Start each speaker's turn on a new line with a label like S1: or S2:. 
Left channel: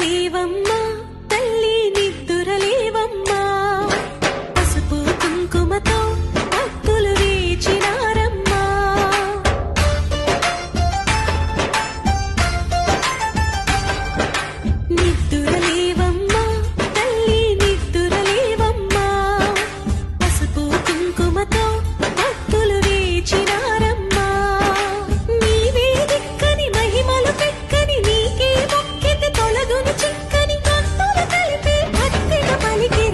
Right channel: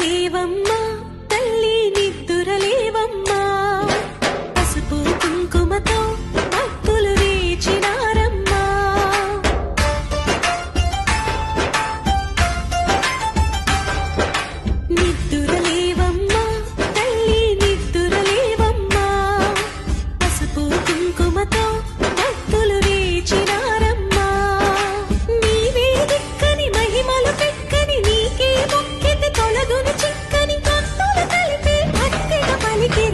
S1: నీవమ్మ